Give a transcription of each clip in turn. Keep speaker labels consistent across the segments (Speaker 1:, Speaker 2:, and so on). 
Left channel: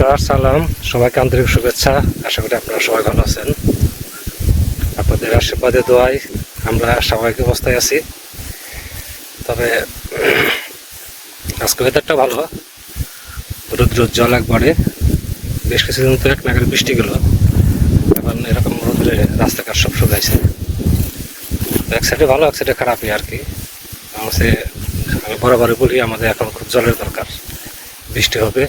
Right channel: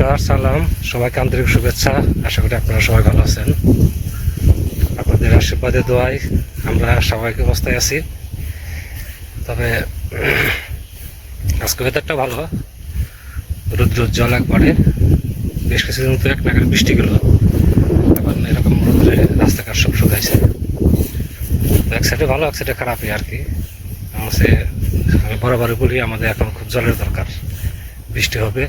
Speaker 1: নমস্কার, সালাম। সবাইকে আন্তরিক শুভেচ্ছা। আশা করি আপনারা সবাই ভালো আছেন। আপনাদের আশীর্বাদে দোয়াই আমরা স্বাভাবিক অবস্থায় আছি। তবে, আজকে ওয়েদারটা ভালো। রোদ্র জল একবারে। বেশ কিছুদিন তো এক নাগারে বৃষ্টি গেল। এখন এরকম রোদ্রে রাস্তাঘাট সব শুকাইছে। এক সাইডে ভালো, এক সাইডে খারাপই আর কি। আমাদের আমি বরাবরই বলি, আমাদের এখন খুব জলের দরকার। বৃষ্টি হবে।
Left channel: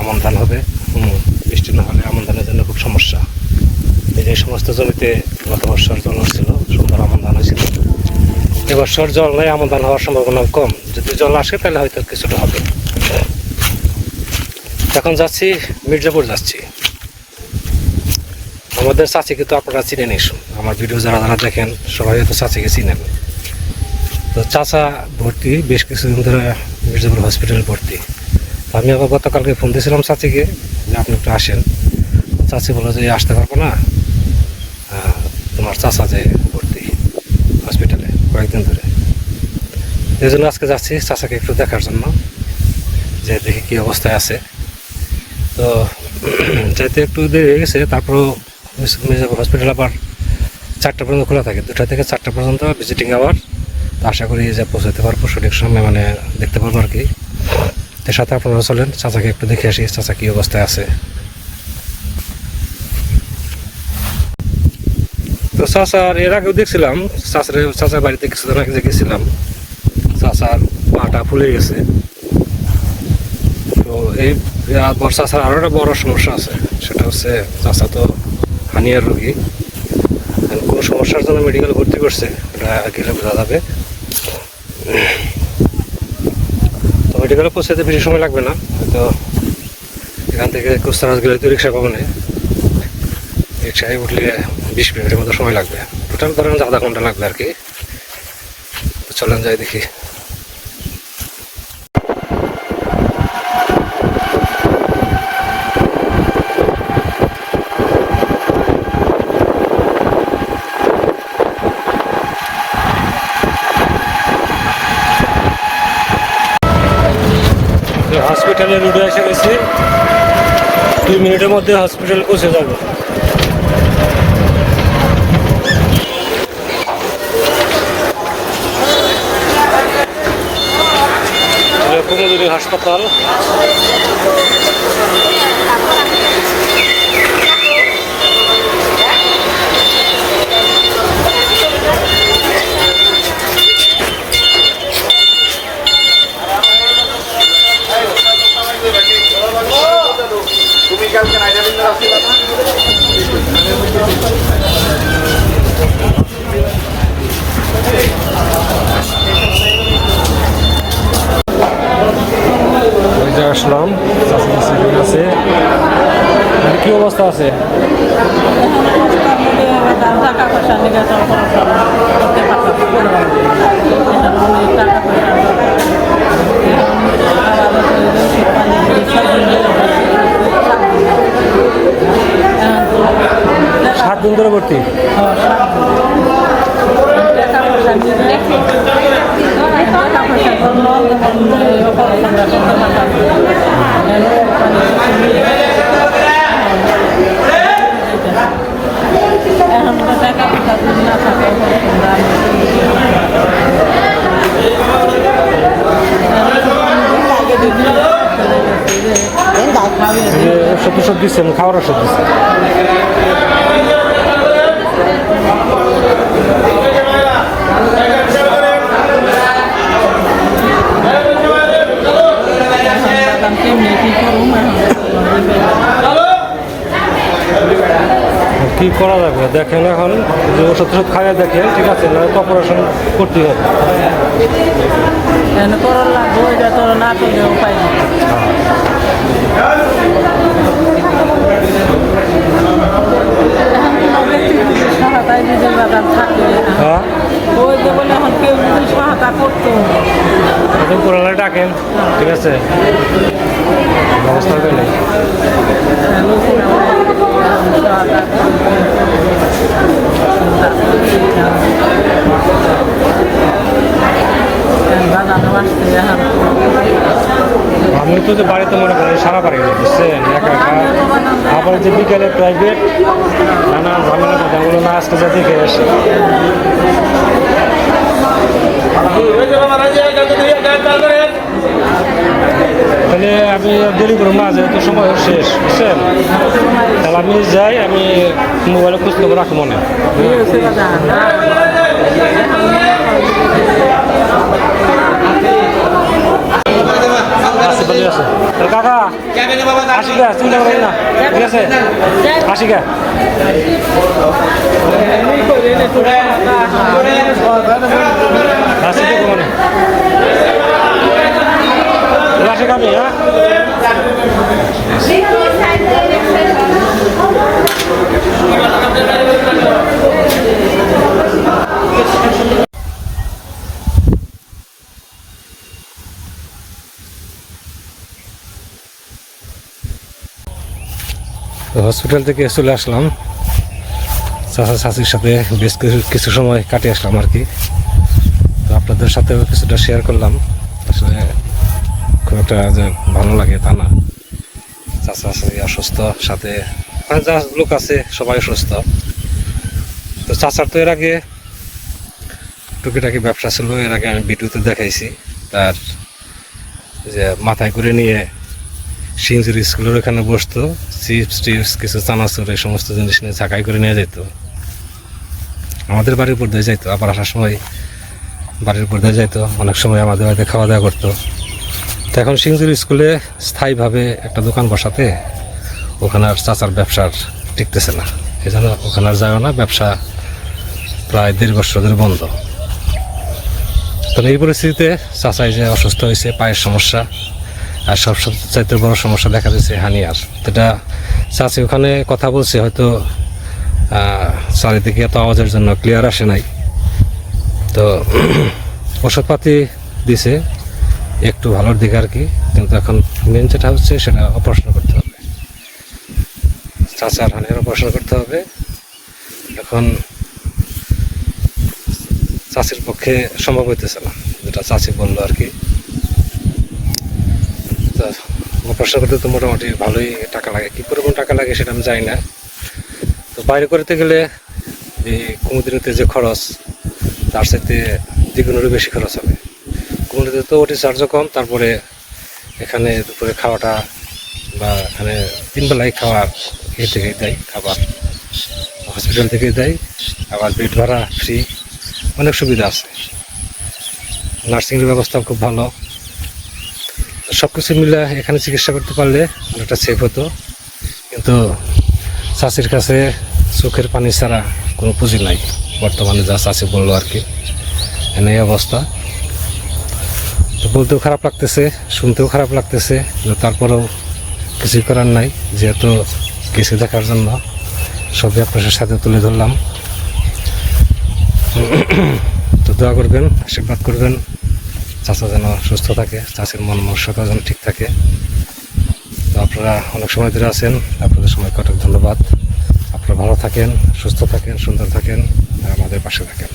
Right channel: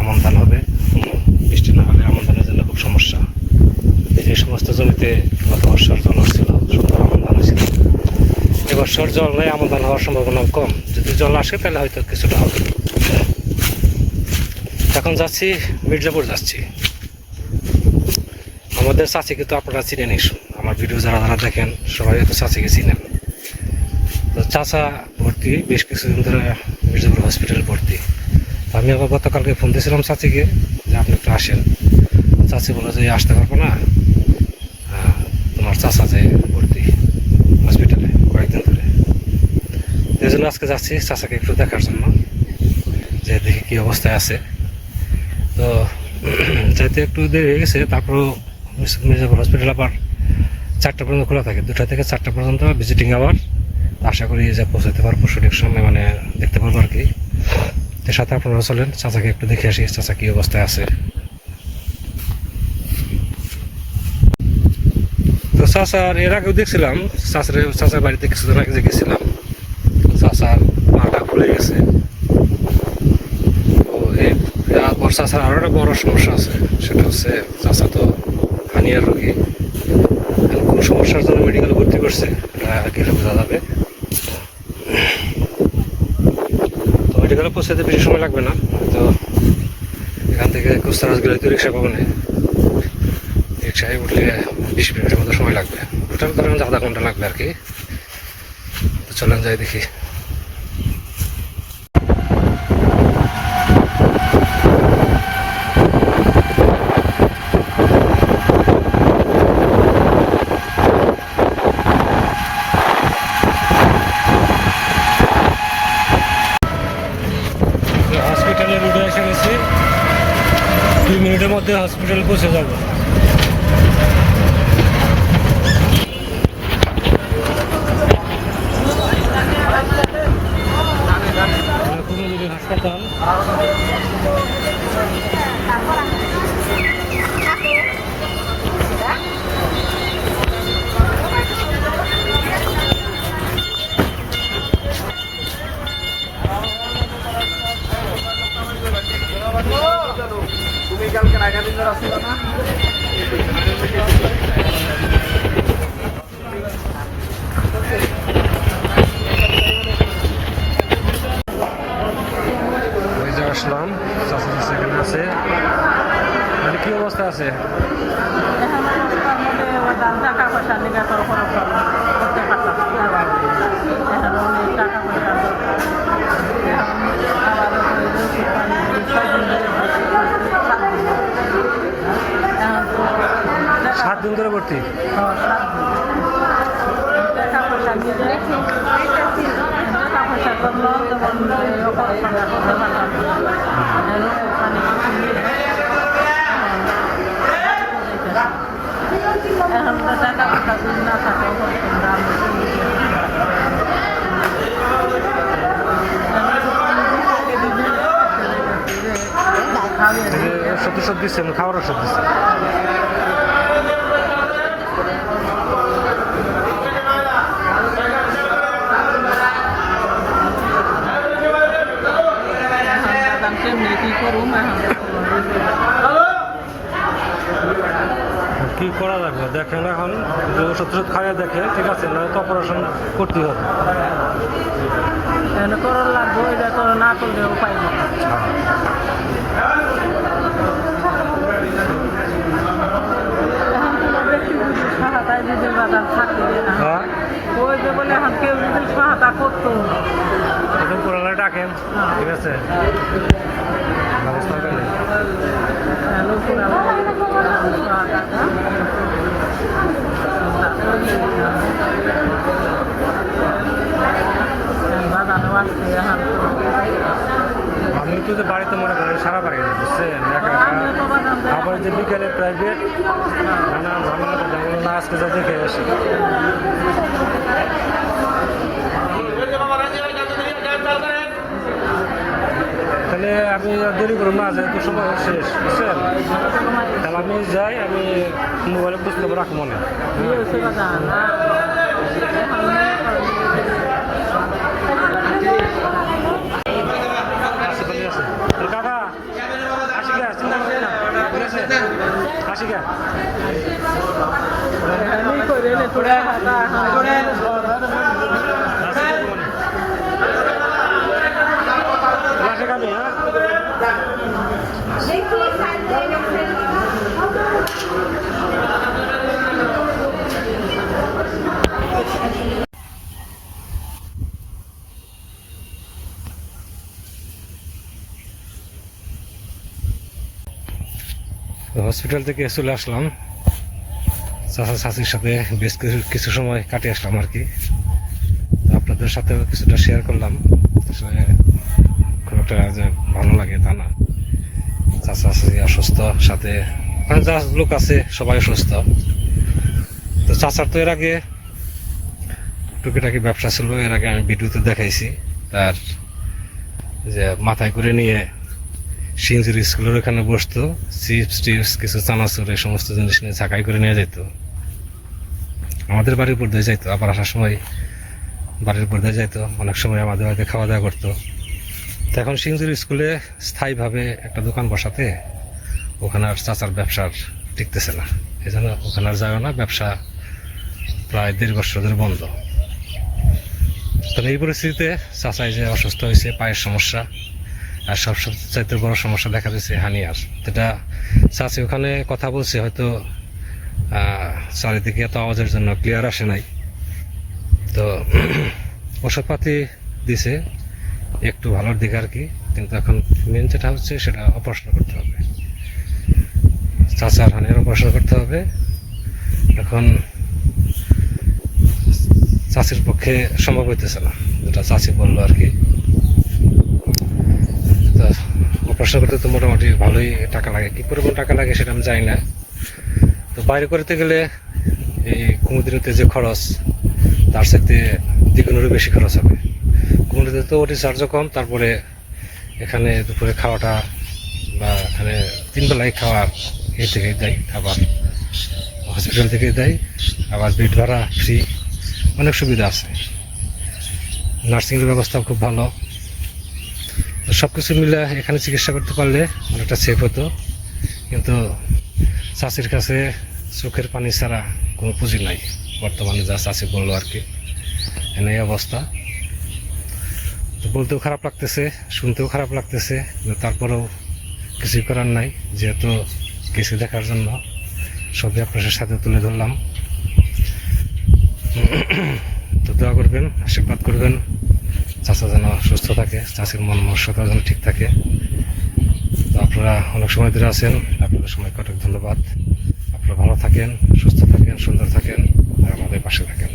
Speaker 1: আমন ধান হবে। হুম, বৃষ্টি না হলে আমন ধানের জন্য খুব সমস্যা। এই যে সমস্ত জমিতে গত বছর জল আসছিল সুন্দর আমন ধান হয়েছিল। এবছর জল নেই আমন ধান হওয়ার সম্ভাবনা কম। যদি জল আসে তাহলে হয়তো কিছুটা হবে। এখন যাচ্ছি মির্জাপুর যাচ্ছি। আমাদের চাচিকে তো আপনারা চিনে নিস আমার ভিডিও যারা যারা দেখেন সবাই হয়তো চাচিকে চিনেন। তো চাচা ভর্তি বেশ কিছুদিন ধরে মির্জাপুর হসপিটালে ভর্তি। আমি আবার গতকালকে ফোন দিয়েছিলাম চাচিকে যে আপনি একটু আসেন। চাচি বলে যে আসতে পারব না। তোমার চাচা যে ভর্তি হসপিটালে কয়েকদিন ধরে। এই জন্য আজকে যাচ্ছি চাচাকে একটু দেখার জন্য, যে দেখি কী অবস্থায় আছে। তো, যাইতে একটু দেরি হয়ে গেছে, তারপরও মির্জাপুর হসপিটাল আবার চারটা পর্যন্ত খোলা থাকে। দুটা থেকে চারটা পর্যন্ত ভিজিটিং আওয়ার আশা করি যে পৌঁছাতে পারব, সঠিক সময় মানে দেখতে পারব আর কি। তো সাথে আপনারা চলেন, চাচাকে একটু দেখে আসি, চাচা কী অবস্থায় আছে। তো চাচার এর আগেও দেখছিলাম, চাচার চাচার বাড়িতে কিছুদিন আগে গেছিলাম, চাচার পাটা ফুলে গেছে। তো এই চাচার আরও একটা বড় সমস্যা আছে, সেটা হচ্ছে চাচা তো হানিয়ার রোগী। কোনো সমস্যার জন্য মেডিকেল ভর্তি করছে, এটা গেলে বোঝা যাবে। মেডিকেলে পৌঁছাতে বেশি সময় লাগবে না তো এখান থেকে কুস্তানাজ গেলে তো রিক্সা পাবো না। রিক্সায় উঠলে বিশ মিনিটের মতো সময় লাগবে। টোটাল ধরেন আধা ঘণ্টা লাগবে আর কি। তো চলেন যাই দেখি হসপিটালে রুটে এসে গেছি দুই মিনিটের মধ্যে হসপিটাল পৌঁছে যাব। হাসপাতাল অবস্থা আছে? সাত দিন ধরে ভর্তি?
Speaker 2: টাকা পয়সা নিয়ে টাকা পয়সা করল যেমন অপারেশনটা করতে পারতাম এখন টাকা পয়সা যদি না থাকে
Speaker 1: ওষুধ ওষুধ দিচ্ছেন খাওয়ার ওষুধ দিচ্ছেন
Speaker 2: কেমনি কি করুন
Speaker 1: কি করা যাবে দেখেন এখন যে ওষুধ ওষুধ খাইয়ে দেখে ঠিক আছে? না অপারেশন করতে হবে।
Speaker 2: এখন করল লাগবো এটা তো না করলে উপায় নেই।
Speaker 1: হ্যাঁ।
Speaker 2: এখন কোনো ব্যক্তিগত সহায়তায় যদি বাজার থাকে
Speaker 1: হ্যাঁ
Speaker 2: ওই যে বলে এখন কেউ যদি সহায়তা করতো।
Speaker 1: ডাকেন ঠিক আছে ব্যবস্থা দিলে
Speaker 2: লোকেরা সহায়তা
Speaker 1: যে বাড়িতে মনে করেন সারা বাড়ি বুঝছেন? একা একা। আবার যে বিকেলে প্রাইভেট নানা ঝামেলা কথা বলো না আজকে যা দেখে আসি। তাহলে আমি দেরি করব না, যেহেতু সময় শেষ, বুঝছেন? তাহলে আমি যাই, আমি মোবাইলে খোঁজ খবর রাখব মনে
Speaker 2: না
Speaker 1: ভালো আছে কাকা গা চিন্তা করেন না। ঠিক আছে? আসি গা আসি দেখো মানে তাহলে আসি গামি হ্যাঁ? তো হসপিটাল থেকে চলে আসলাম। চাচা, চাচির সাথে বেশ কিছু কিছু সময় কাটিয়ে আসলাম আর কি। তো আপনাদের সাথেও কিছুটা শেয়ার করলাম। আসলে খুব একটা যে ভালো লাগে তা না। চাচা, চাচি অসুস্থ, সাথে মানে যা লোক আছে, সবাই অসুস্থ। তো চাচার তো এর আগে টুকিটাকি ব্যবসা ছিল। এর আগে আমি ভিডিওতে দেখাইছি। তার যে মাথায় করে নিয়ে সিঞ্জুরি স্কুলের ওখানে বসতো, চিপস টিপস, কিছু চানাচুর, এই সমস্ত জিনিস নিয়ে ছাকাই করে নিয়ে যেত আমাদের বাড়ির উপর দিয়ে যাইতো, আবার আসার সময় বাড়ির উপর দিয়ে যাইতো, অনেক সময় আমাদের বাড়িতে খাওয়া দাওয়া করতো। তো এখন সিঞ্জুরি স্কুলে স্থায়ীভাবে একটা দোকান বসাতে ওখানে আর চাচার ব্যবসার টিকতেছে না। এই জন্য ওখানে আর যায়ও না, ব্যবসা প্রায় দেড় বছর ধরে বন্ধ। তো এই পরিস্থিতিতে চাচাই যে অসুস্থ হয়েছে, পায়ের সমস্যা আর সব চাইতে বড় সমস্যা দেখা দিচ্ছে হানিয়ার যেটা চাচি ওখানে কথা বলছে, হয়তো চারিদিকে এত আওয়াজের জন্য ক্লিয়ার আসে নাই। তো ওষুধপাতি দিছে, একটু ভালোর দিকে আর কি, কিন্তু এখন মেন যেটা হচ্ছে সেটা অপারেশন করতে হবে। চাচার হানিয়ার অপারেশন করতে হবে। এখন চাষির পক্ষে সম্ভব হইতেছে না, যেটা চাষি বলল আর কি। অপারেশন করতে তো মোটামুটি ভালোই টাকা লাগে। কী পরিমাণ টাকা লাগে সেটা আমি জানি না। তো বাইরে করতে গেলে এই কুমুদিনীতে যে খরচ, তার সাথে দ্বিগুণেরও বেশি খরচ হবে। কুমুদিনীতে তো ওটি চার্জও কম, তারপরে এখানে দুপুরে খাওয়াটা বা এখানে তিনবেলায় খাওয়ার এ থেকে দেয় খাবার। হসপিটাল থেকে দেয়, আবার বেড ভাড়া, ফ্রি, অনেক সুবিধা আছে। নার্সিংয়ের ব্যবস্থা খুব ভালো। সব কিছু মিলে এখানে চিকিৎসা করতে পারলে অনেকটা সেফ হতো। কিন্তু চাষির কাছে চোখের পানি ছাড়া কোনো পুঁজি নাই। বর্তমানে যা চাষি বলল আর কি এনে এই অবস্থা। তো বলতেও খারাপ লাগতেছে, শুনতেও খারাপ লাগতেছে তারপরেও কিছুই করার নাই, যেহেতু কিছু দেখার জন্য। সবই আপনার সাথে তুলে ধরলাম। তো দোয়া করবেন, আশীর্বাদ করবেন। চাচা যেন সুস্থ থাকে চাষের মন মনস্যতা যেন ঠিক থাকে। তো আপনারা অনেক সময় ধরে আছেন, আপনাদের সময় অনেক ধন্যবাদ। আপনারা ভালো থাকেন, সুস্থ থাকেন, সুন্দর থাকেন, আর আমাদের পাশে থাকেন।